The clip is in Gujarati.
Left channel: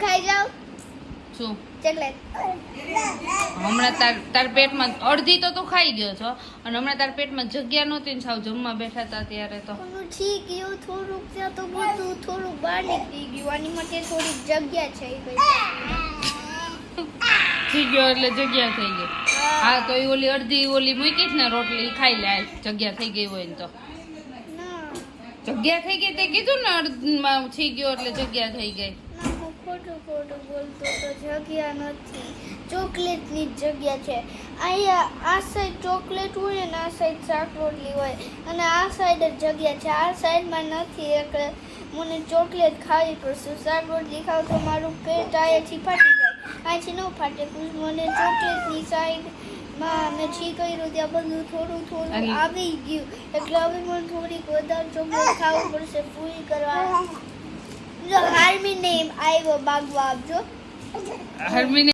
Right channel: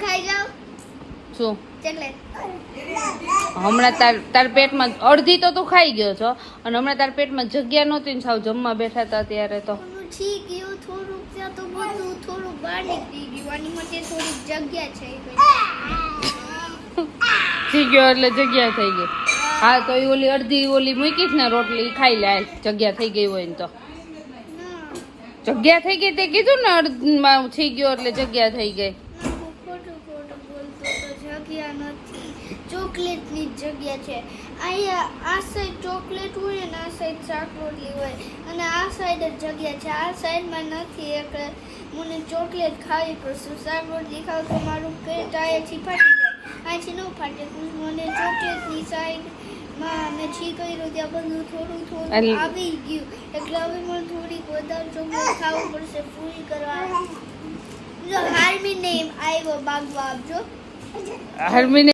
ખાઈ જાવ શું ચોકલેટ હમણાં તાર પેટમાં અડધી તો તું ખાઈ ગયો છો અને હમણાં તાર પેટમાં જગ્યા નહોતી ને સાવ જમવા બેઠા હતા ત્યારે તો ઠી ગયું થોડુંક ત્યાં તો બધું થોડુંક બહાર નીકળી ગયું આની માટે થોડીક જગ્યા છે થઈ ગયો એટલે જગ્યા થઈ ગઈ હા તો એ ઓલી અડધી ઓલી મૂકીશ ને રોટલી ઈ ખાઈ લે જગ્યા થઈ ગઈ હોય ને તો જગ્યા થઈ ગઈ તે કીધું ને અડધમાં થઈ ગયો એટલે જગ્યા થઈ ગઈ ખોટું બોલતો તો જગ્યા નથી ચોકલેટની જ જગ્યા છે અહીંયા આ સાઈડ ચોકલેટ હોય ને આ સાઈડ શાક રોટલી હોય અને આ સાઈડ જ જગ્યા છે આ સાઈડમાં નથી એટલે મને ચોકલેટ ખાવી પડશે શાક રોટલી ખાવ તો મારું પેટ અહીંયાથી ફાટી જાય અહીંથી ન ફાટે મને ચોકલેટની સાઈડમાં મેં છી કર્યું ત્યાં બધું થોડું આવી ગયું એટલે હવે મને થોડીક વધારે ચોકલેટ ખાવું પડશે પૂરી કરવા હાર્મી નેમ આવ્યો બાગવા આપજો હરમીને